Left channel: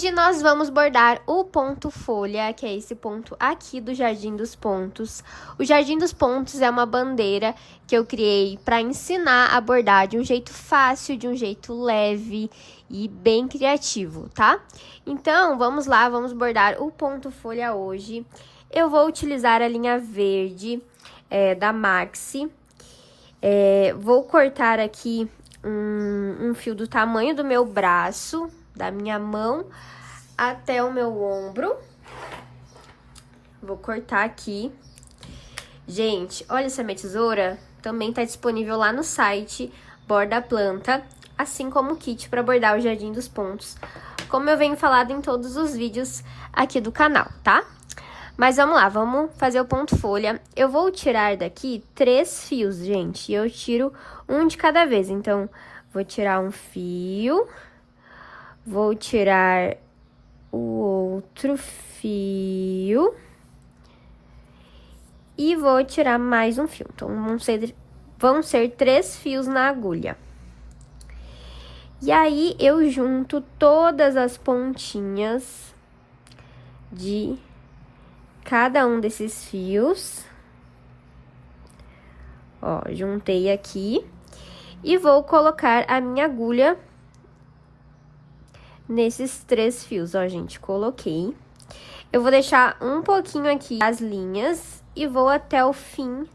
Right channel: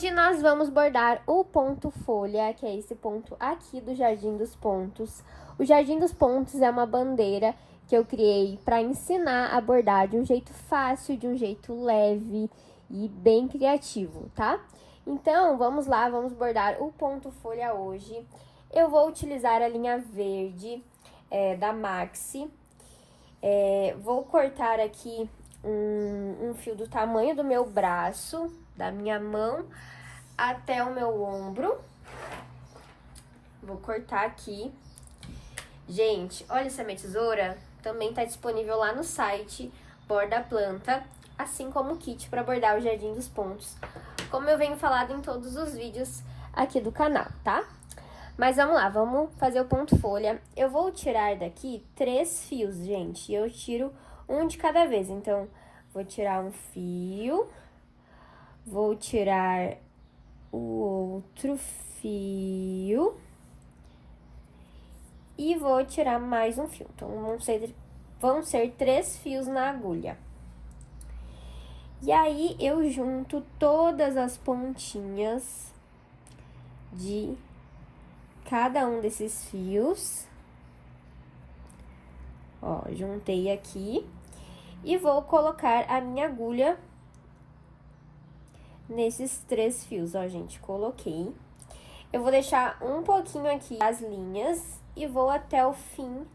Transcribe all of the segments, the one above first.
Hoje nós vamos bordar o ponto folha, que é esse ponto aqui do Jardim dos Pontos. O Jardim dos Pontos é uma bandeira que eu criei para ensinar a bordar de um jeito fácil, de um jeito leve e bem criativo, tá? Então, vamos lá, vamos bordar o ponto folha hoje. Eu vou utilizar a linha verde da Maxi. Vou cortar aqui um fio do tamanho do meu braço, da minha mão até o meu ombro. Vou cortar aqui. Gente, olha essa minha tesoura, também tá disponível lá no site Borda Planta, assim como o kit para bordar o Jardim dos Pontos, como eu venho falado em todos os vídeos aqui do canal, tá? Mas vamos lá, vamos fazer o ponto folha. Eu vou tirar daqui 3 fios, gente, e eu tiro um de cada vez. Então, vou tirar um fio, vou tirar o outro fio e vou tirar mais um fio. Então, vão ser 3 fios na agulha. E aí, eu junto todas as pontinhas de cada um desses fios. Ó, juntei aqui. E vou colocar a minha agulha nesses 3 fios, ó, gente, coloquei. Eu vou deixar um pouquinho aqui as linhas e vou até o fim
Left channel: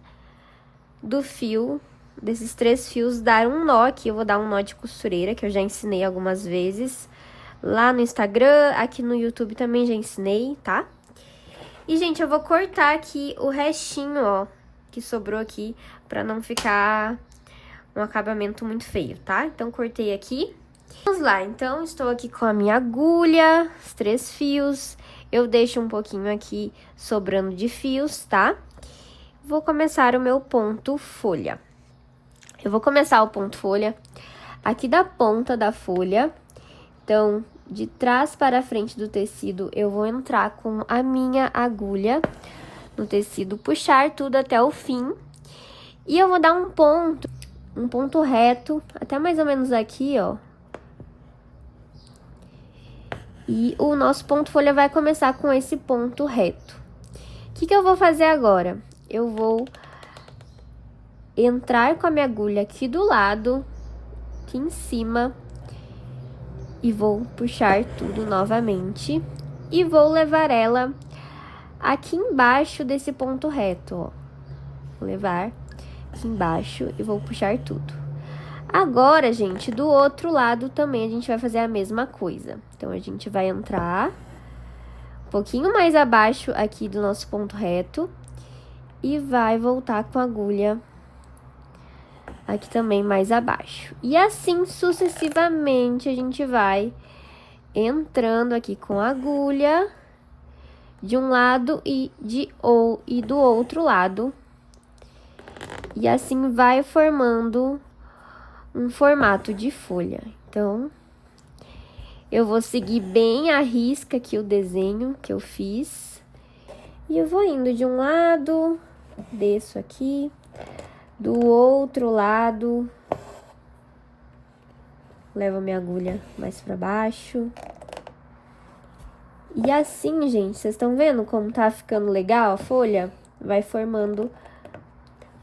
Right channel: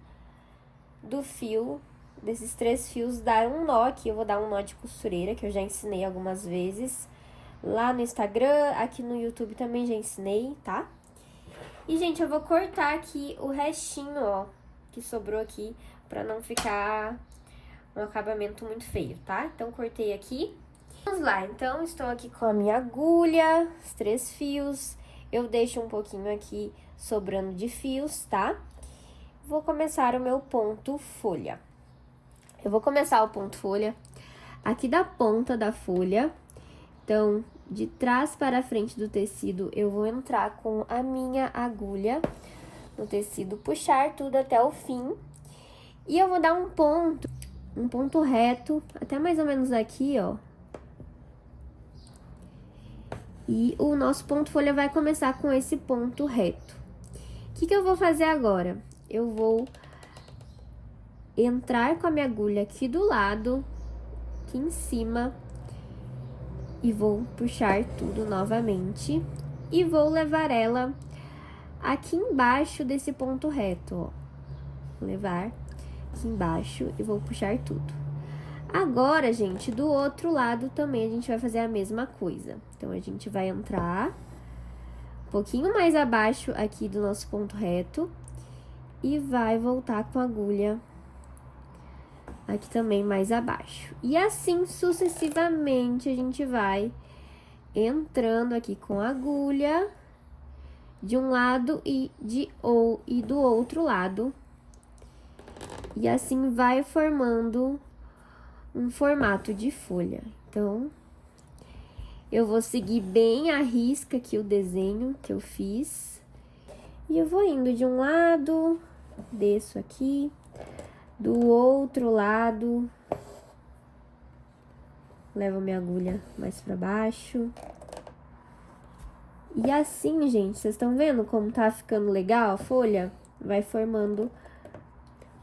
do fio, desses 3 fios, dar um nó aqui. Eu vou dar um nó de costureira, que eu já ensinei algumas vezes lá no Instagram, aqui no YouTube também já ensinei, tá? E, gente, eu vou cortar aqui o restinho, ó, que sobrou aqui, pra não ficar um acabamento muito feio, tá? Então, cortei aqui. Vamos lá, então, estou aqui com a minha agulha, os 3 fios. Eu deixo um pouquinho aqui sobrando de fios, tá? Vou começar o meu ponto folha. Eu vou começar o ponto folha aqui da ponta da folha. Então, de trás para frente do tecido, eu vou entrar com a minha agulha no tecido, puxar tudo até o fim. E eu vou dar um ponto reto, até mais ou menos aqui, ó. E o nosso ponto folha vai começar com esse ponto reto. O que eu vou fazer agora? Eu vou entrar com a minha agulha aqui do lado, aqui em cima, e vou puxar tudo novamente. E vou levar ela aqui embaixo desse ponto reto, ó. Vou levar aqui embaixo e vou puxar tudo. Agora, gente, do outro lado também a gente vai fazer a mesma coisa. Então, a gente vai entrar um pouquinho mais abaixo aqui do nosso ponto reto e vai voltar com a agulha aqui também mais abaixo. E assim, sucessivamente, a gente vai entrando aqui com a agulha de um lado e do outro lado. E assim vai formando um formato de folha. Então, eu vou seguir bem à risca aqui o desenho que eu fiz. E eu vou indo de um lado, desço aqui, do outro lado, levo a minha agulha mais pra baixo. E assim, gente, vocês estão vendo como tá ficando legal a folha? Vai formando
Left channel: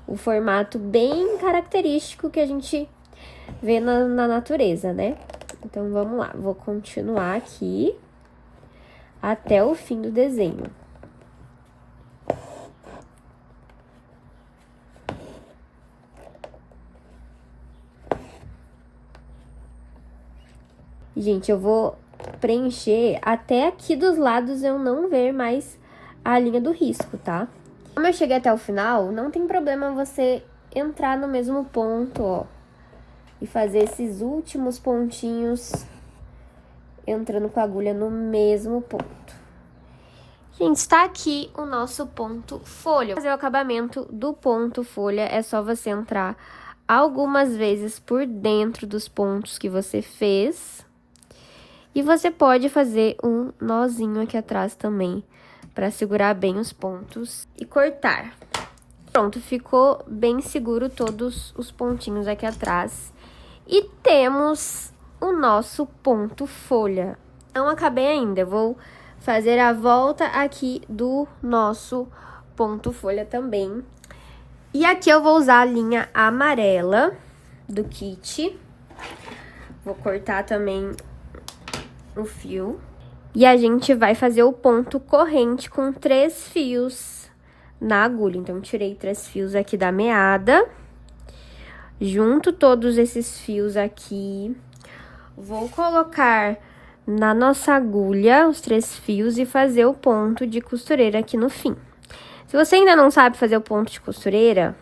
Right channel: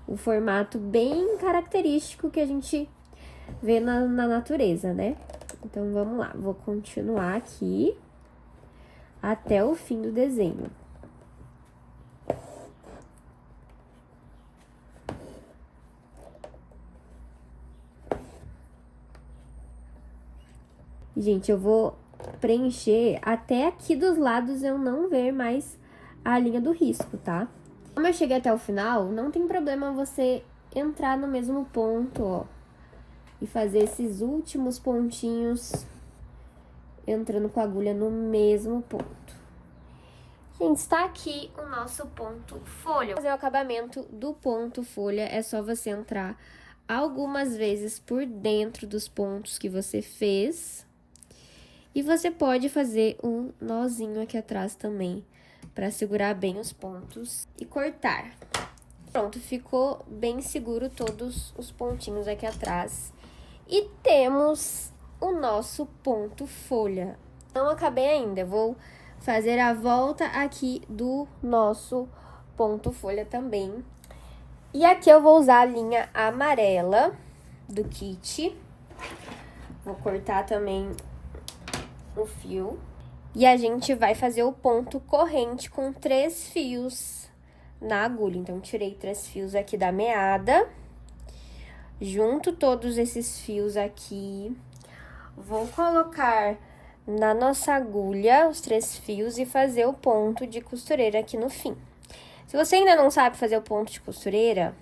o formato bem característico que a gente vê na natureza, né? Então, vamos lá. Vou continuar aqui até o fim do desenho. Gente, eu vou preencher até aqui dos lados eu não ver mais a linha do risco, tá? Como eu cheguei até o final, não tem problema você entrar no mesmo ponto, ó, e fazer esses últimos pontinhos entrando com a agulha no mesmo ponto. Gente, está aqui o nosso ponto folha. Para fazer o acabamento do ponto folha, é só você entrar algumas vezes por dentro dos pontos que você fez. E você pode fazer um nozinho aqui atrás também, para segurar bem os pontos e cortar. Pronto, ficou bem seguro todos os pontinhos aqui atrás. E temos o nosso ponto folha. Não acabei ainda, eu vou fazer a volta aqui do nosso ponto folha também. E aqui eu vou usar a linha amarela do kit. Vou cortar também o fio. E a gente vai fazer o ponto corrente com 3 fios na agulha. Então, tirei 3 fios aqui da meada. Junto todos esses fios aqui. Vou colocar na nossa agulha os 3 fios e fazer o ponto de costureira aqui no fim. Se você ainda não sabe fazer o ponto de costureira,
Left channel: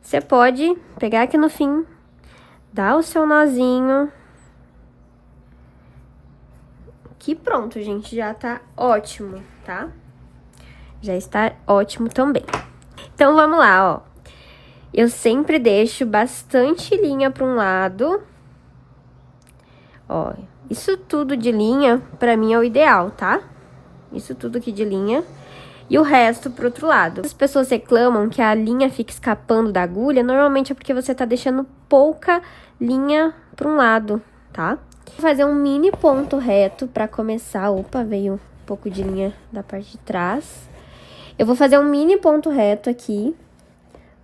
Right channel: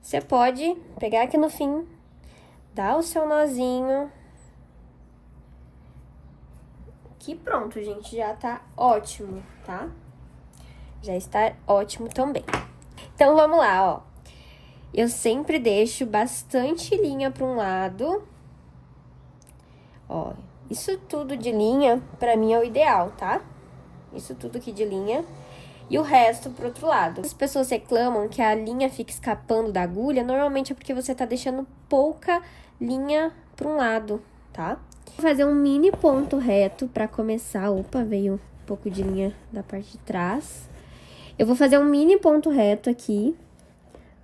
você pode pegar aqui no fim, dar o seu nozinho. Que pronto, gente, já tá ótimo, tá? Já está ótimo também. Então, vamos lá, ó. Eu sempre deixo bastante linha para um lado. Ó, isso tudo de linha, pra mim, é o ideal, tá? Isso tudo aqui de linha. E o resto pro outro lado. As pessoas reclamam que a linha fica escapando da agulha, normalmente é porque você tá deixando pouca linha para um lado, tá? Vou fazer um mini ponto reto pra começar. Opa, veio um pouco de linha da parte de trás. Eu vou fazer um mini ponto reto aqui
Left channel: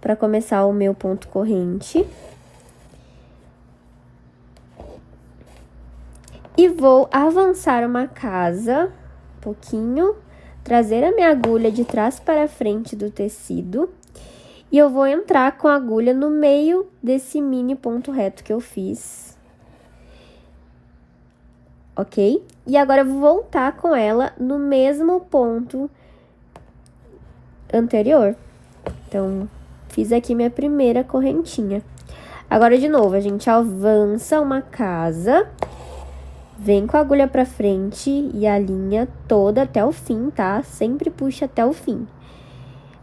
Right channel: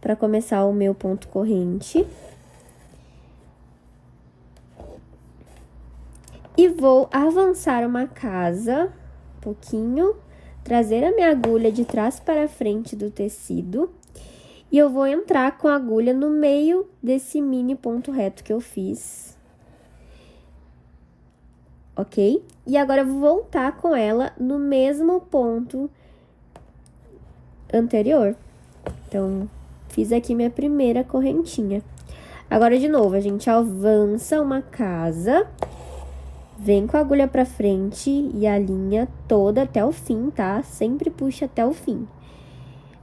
pra começar o meu ponto corrente. E vou avançar uma casa, um pouquinho, trazer a minha agulha de trás para frente do tecido. E eu vou entrar com a agulha no meio desse mini ponto reto que eu fiz. Ok? E agora eu vou voltar com ela no mesmo ponto anterior. Então, fiz aqui minha primeira correntinha. Agora, de novo, a gente avança uma casa, vem com a agulha pra frente e a linha toda até o fim, tá? Sempre puxa até o fim.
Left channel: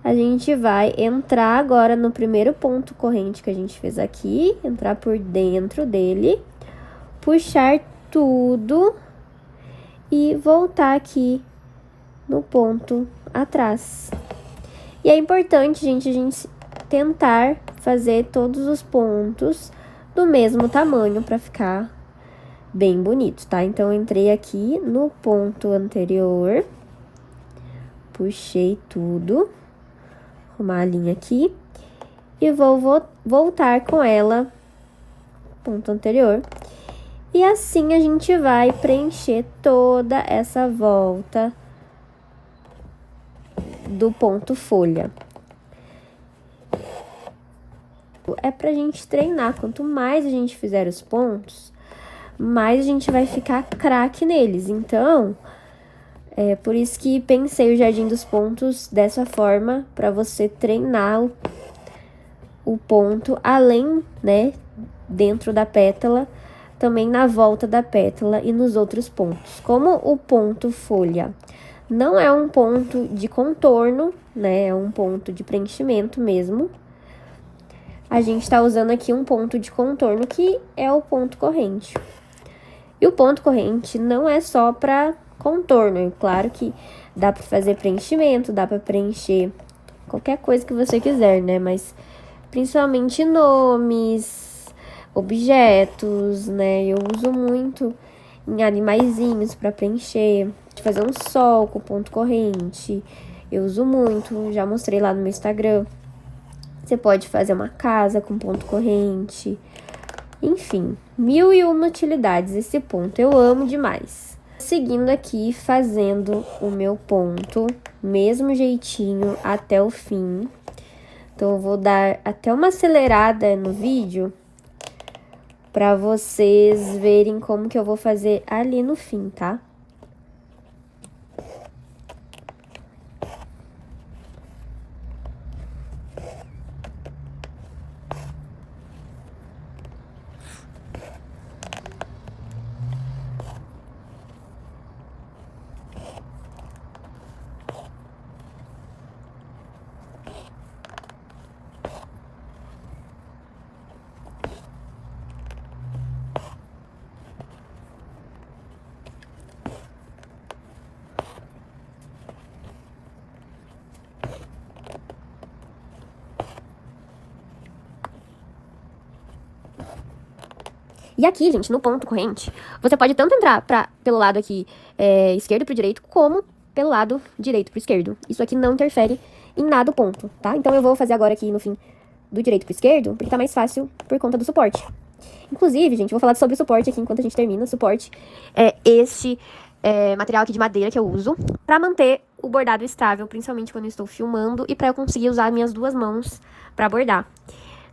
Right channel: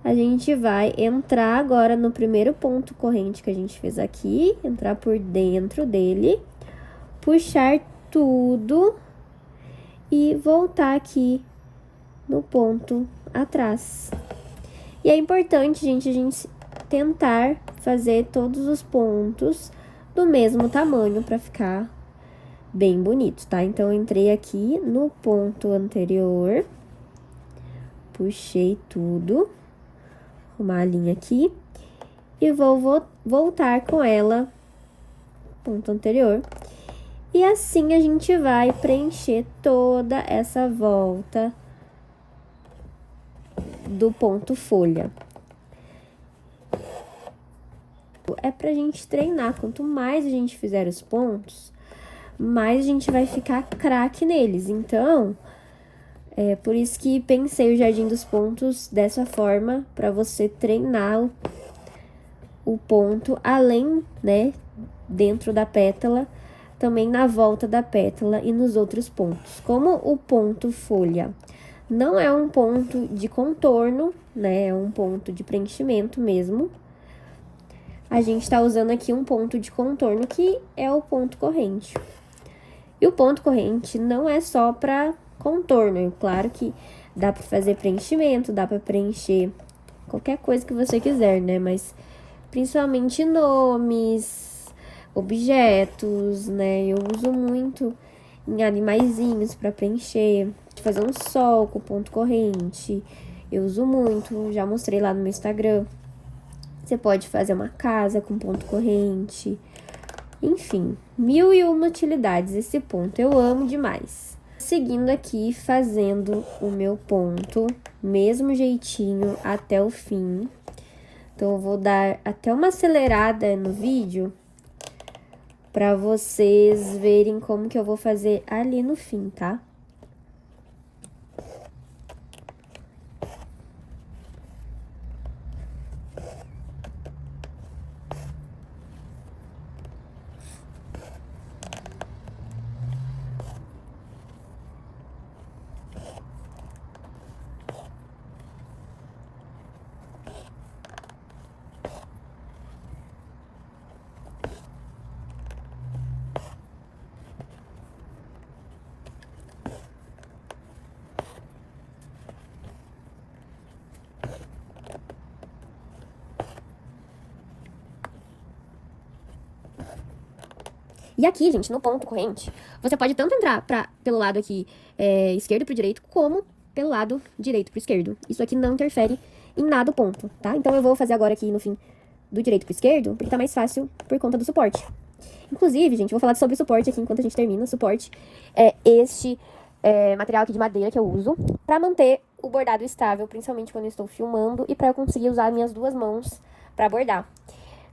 A gente vai entrar agora no primeiro ponto corrente que a gente fez aqui, entrar por dentro dele, puxar tudo e voltar aqui no ponto atrás. E é importante, gente, a gente tentar fazer todos os pontos do mesmo tamanho para ficar bem bonito, tá? Então, eu entrei aqui no ponto anterior, puxei tudo, arrumar a linha aqui e vou voltar com ela, ponto anterior. E assim a gente vai preencher toda essa volta do ponto folha. É pra gente treinar, quanto mais a gente fizer os pontos, mais a gente vai ficar craque neles. Então, é por isso que pensei o Jardim dos Pontos dessa forma, pra você treinar o ponto além, né, dentro da pétala, também na volta da pétala e nos outros pontos. Como o ponto folha não é um ponto de contorno, né, é um ponto de preenchimento mesmo, a gente tá usando aqui um ponto de contorno que é o ponto corrente. E o ponto corrente não é só para contorno, é claro que dá para fazer preenchimento, dá para preencher qualquer coisa que você quiser, né, mas principalmente nomes, objetos, né? Eu uso muito em animaizinhos para preencher, fazer um sol com ponto corrente. Eu uso muito, já mostrei lá no meu Instagram. Você pode fazer uma casa com ponto corrente. Enfim, 1001 utilidades esse ponto, eu amo demais. Seguindo aqui, fazendo o meu ponto, mesmo jeitinho até o fim. Então, eu vou dar até uma acelerada no vídeo para vocês verem como que eu vou fazer ali no fim, tá? E aqui, gente, no ponto corrente, você pode tanto entrar pra pelo lado aqui esquerdo pro direito, como pelo lado direito pro esquerdo. Isso aqui não interfere em nada o ponto, tá? Então, eu vou fazer agora aqui no fim do direito pro esquerdo, porque tá mais fácil por conta do suporte. Inclusive, gente, vou falar sobre o suporte aqui enquanto a gente termina. O suporte é este material aqui de madeira que eu uso pra manter o bordado estável, principalmente quando eu estou filmando e pra eu conseguir usar minhas duas mãos pra bordar.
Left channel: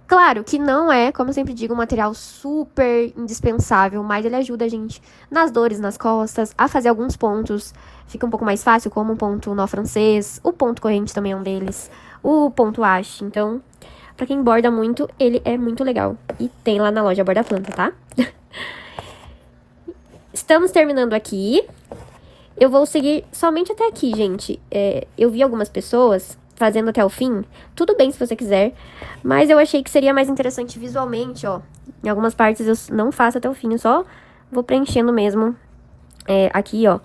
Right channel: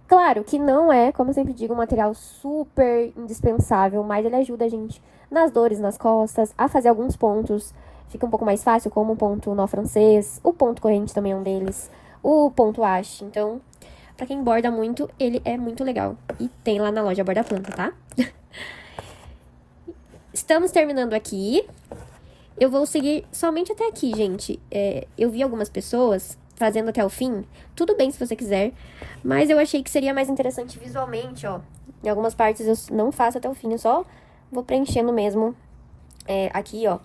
Claro que não é, como eu sempre digo, um material super indispensável, mas ele ajuda a gente nas dores nas costas, a fazer alguns pontos. Fica um pouco mais fácil, como o ponto nó francês, o ponto corrente também é um deles, o ponto haste. Então, pra quem borda muito, ele é muito legal. E tem lá na loja Borda Planta, tá? Estamos terminando aqui. Eu vou seguir somente até aqui, gente. Eu vi algumas pessoas fazendo até o fim. Tudo bem se você quiser, mas eu achei que seria mais interessante visualmente, ó. Em algumas partes eu não faço até o fim, eu só vou preenchendo mesmo aqui, ó.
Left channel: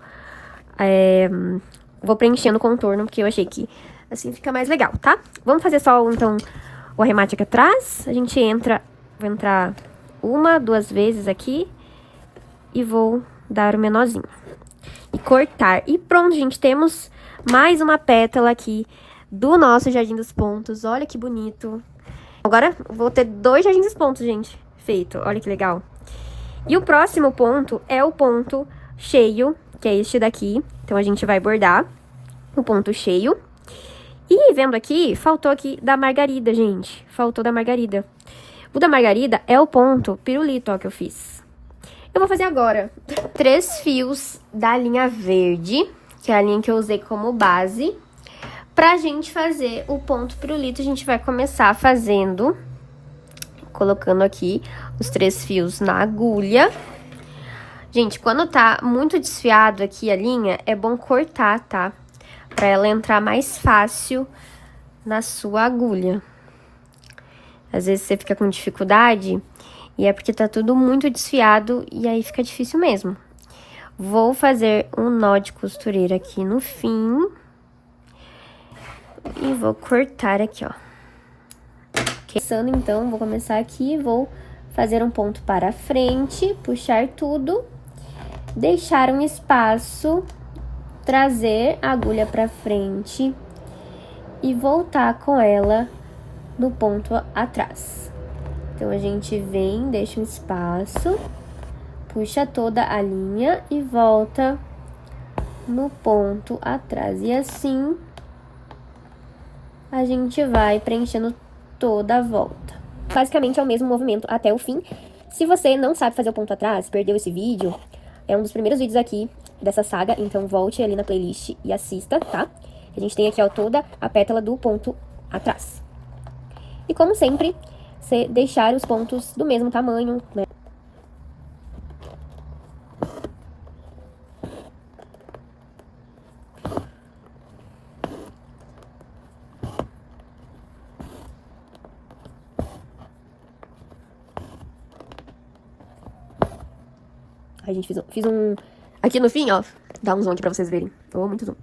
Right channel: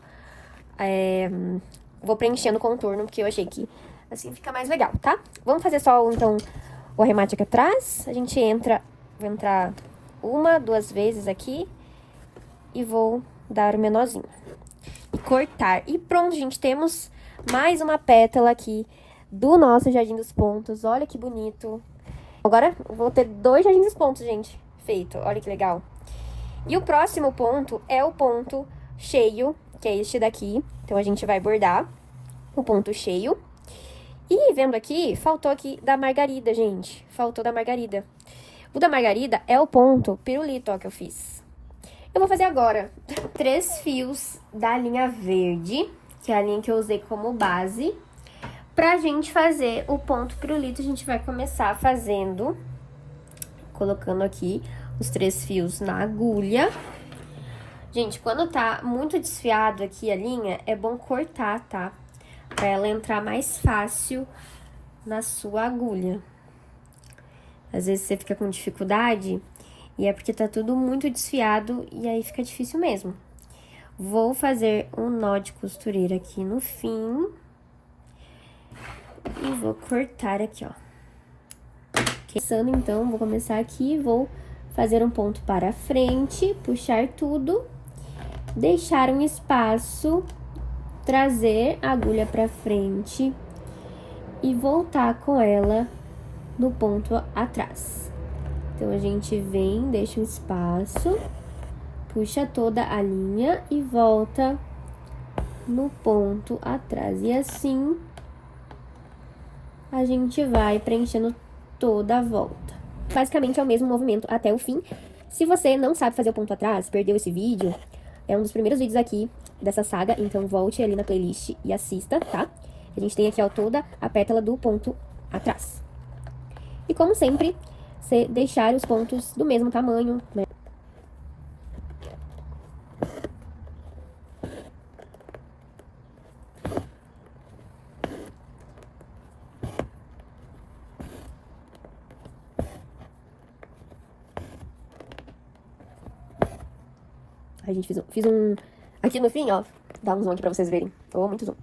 Vou preenchendo o contorno, porque eu achei que assim fica mais legal, tá? Vamos fazer só, então, o arremate aqui atrás. A gente vou entrar uma, duas vezes aqui e vou dar o menorzinho. E cortar. E pronto, gente, temos mais uma pétala aqui do nosso Jardim dos Pontos. Olha que bonito. Agora, vou ter 2 Jardins dos Pontos, gente, feito. Olha que legal. E o próximo ponto é o ponto cheio, que é este daqui. Então, a gente vai bordar o ponto cheio. E, vendo aqui, faltou aqui da margarida, gente. Faltou da margarida. O da margarida é o ponto pirulito, ó, que eu fiz. Eu vou fazer agora 3 fios da linha verde, que é a linha que eu usei como base. Pra gente fazer o ponto pirulito, a gente vai começar fazendo, colocando aqui os 3 fios na agulha. Gente, quando tá muito desfiado aqui a linha, é bom cortar, tá? Pra ela entrar mais fácil na sua agulha. Às vezes você fica com dificuldade e é porque tá tudo muito desfiado e aí fica difícil mesmo. Vou fazer um nó de costureira aqui no fim. E vou cortar aqui, ó. Começando, então, vou começar aqui, vou fazer um ponto para frente, puxar tudo, deixar um espaço, trazer a agulha para frente e voltar com ela no ponto atrás. Então, a gente vem, deixa um espaço, puxa toda a linha e volta no ponto atrás. E assim a gente vai preenchendo toda a volta. Basicamente é o mesmo movimento até o fim. Se você não sabe fazer o ponto atrás, perdeu esse vídeo, é um dos primeiros vídeos aqui dessa saga, então volte ali na playlist e assista, tá? A gente tem aqui, ó, toda a pétala do ponto atrás. E como sempre, você deixar os pontos do mesmo tamanho, né? A gente fiz um... Aqui no fim, ó, dá um zoom aqui pra vocês verem. Oh, muito zoom.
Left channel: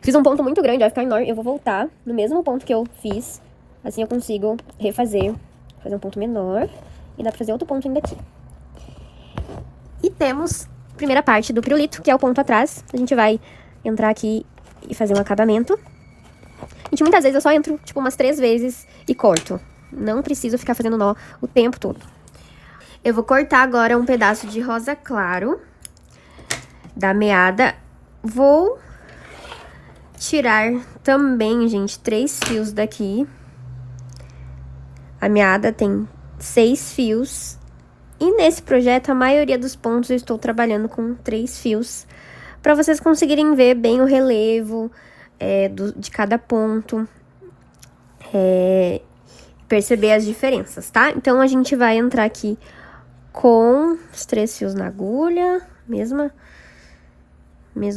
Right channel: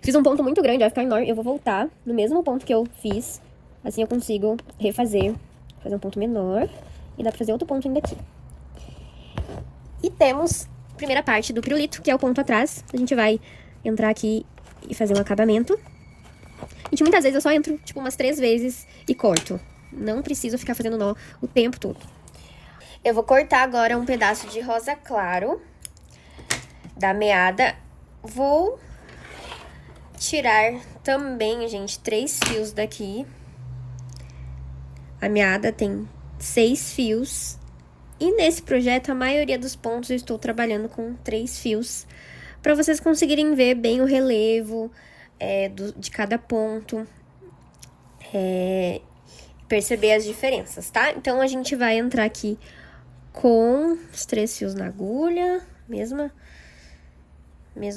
Fiz um ponto muito grande, vai ficar enorme. Eu vou voltar no mesmo ponto que eu fiz. Assim eu consigo refazer, fazer um ponto menor. E dá pra fazer outro ponto ainda aqui. E temos a primeira parte do pirulito, que é o ponto atrás. A gente vai entrar aqui e fazer um acabamento. Gente, muitas vezes eu só entro, tipo, umas 3 vezes e corto. Não preciso ficar fazendo nó o tempo todo. Eu vou cortar agora um pedaço de rosa claro da meada. Vou tirar também, gente, 3 fios daqui. A meada tem 6 fios. E nesse projeto, a maioria dos pontos eu estou trabalhando com 3 fios. Para vocês conseguirem ver bem o relevo de cada ponto. Perceber as diferenças, tá? Então, a gente vai entrar aqui com os 3 fios na agulha, mesmo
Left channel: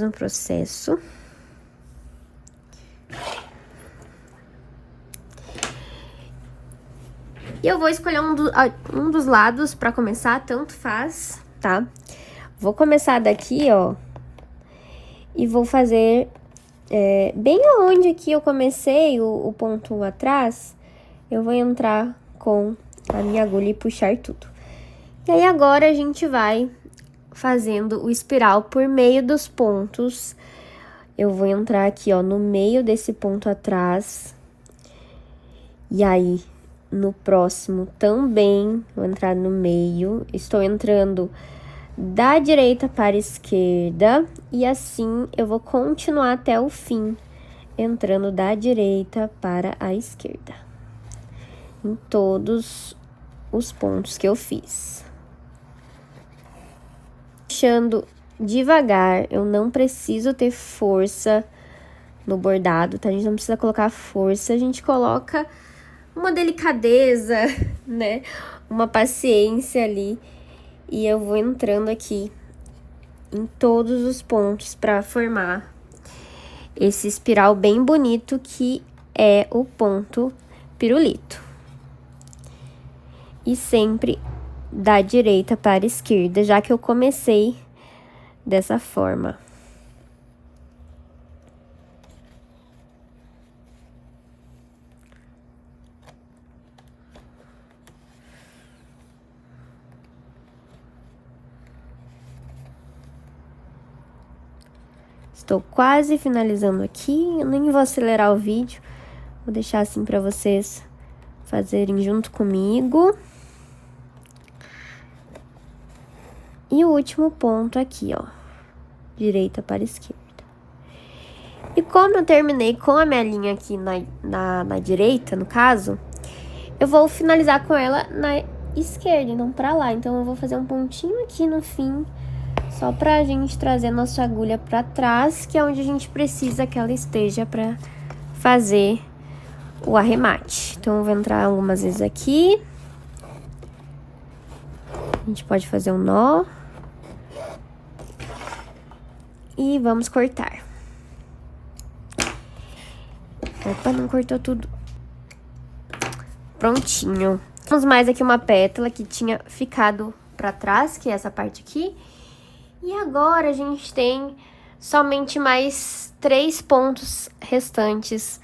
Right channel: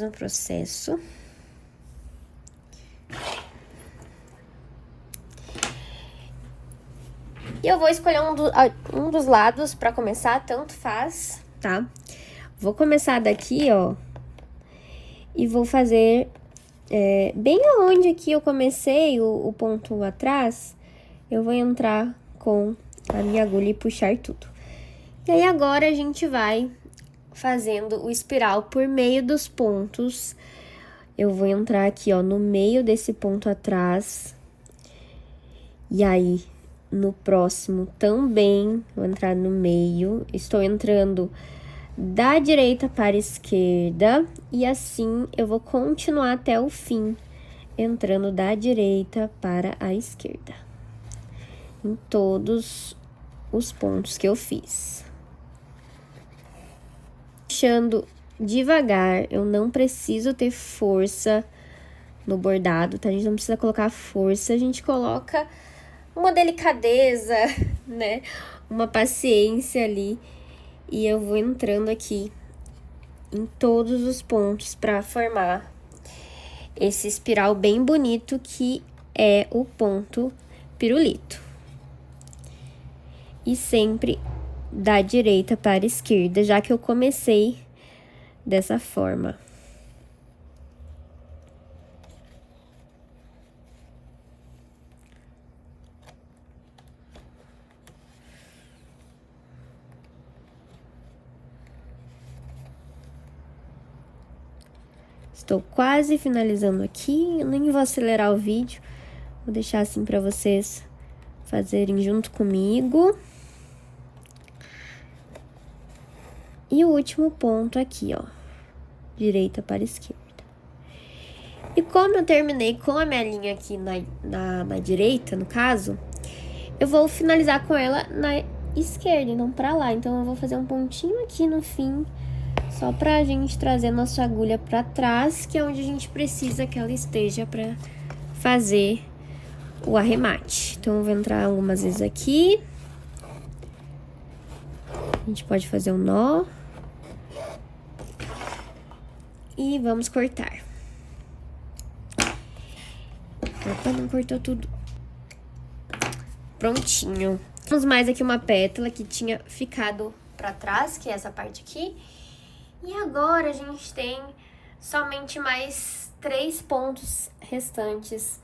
processo. E eu vou escolher um dos lados pra começar, tanto faz, tá? Vou começar daqui, ó, e vou fazer bem aonde aqui eu comecei o ponto atrás, eu vou entrar com a minha agulha e puxar tudo. E aí, agora, a gente vai fazendo o espiral por meio dos pontos. Eu vou entrar aqui, ó, no meio desse ponto atrás. E aí, no próximo também, vou entrar no meio. Estou entrando da direita para a esquerda. E assim, eu vou continuar até o fim, entrando da direita para a esquerda. Em todos os pontos que eu fiz. Puxando devagar, eu não preciso ter força no bordado, tá? A gente não precisa colocar força, a gente coloca uma delicadeza, né? Uma paciência ali. E eu vou entrando aqui em todos os pontos pra formar esse espiral bem bonito que é o ponto pirulito. E sempre da direita para a esquerda, já que eu comecei dessa forma. Estou quase finalizando aqui, eu nem vou acelerar o vídeo, vou deixar assim para vocês fazerem junto comigo. E o último ponto aqui, ó, direita para esquerda. E como eu terminei com a minha linha aqui na direita, no caso, eu vou finalizar com ela na esquerda, então pra lá. Então, eu vou fazer um pontinho aqui no fim, só pra gente trazer a nossa agulha pra trás, que é onde a gente precisa que ela esteja pra fazer o arremate. Então, eu vou entrar algumas vezes aqui. A gente pode fazer um nó. E vamos cortar. Opa, não cortou tudo. Prontinho. Temos mais aqui uma pétala que tinha ficado pra trás, que é essa parte aqui. E agora a gente tem somente mais 3 pontos restantes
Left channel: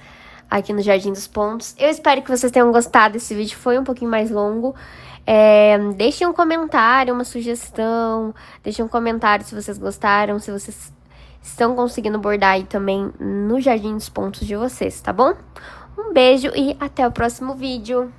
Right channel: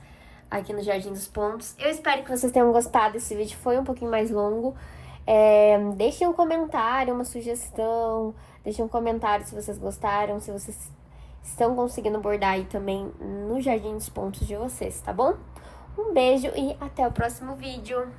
aqui no Jardim dos Pontos. Eu espero que vocês tenham gostado desse vídeo, foi um pouquinho mais longo. Deixem um comentário, uma sugestão, deixem um comentário se vocês gostaram, se vocês estão conseguindo bordar aí também no Jardim dos Pontos de vocês, tá bom? Um beijo e até o próximo vídeo!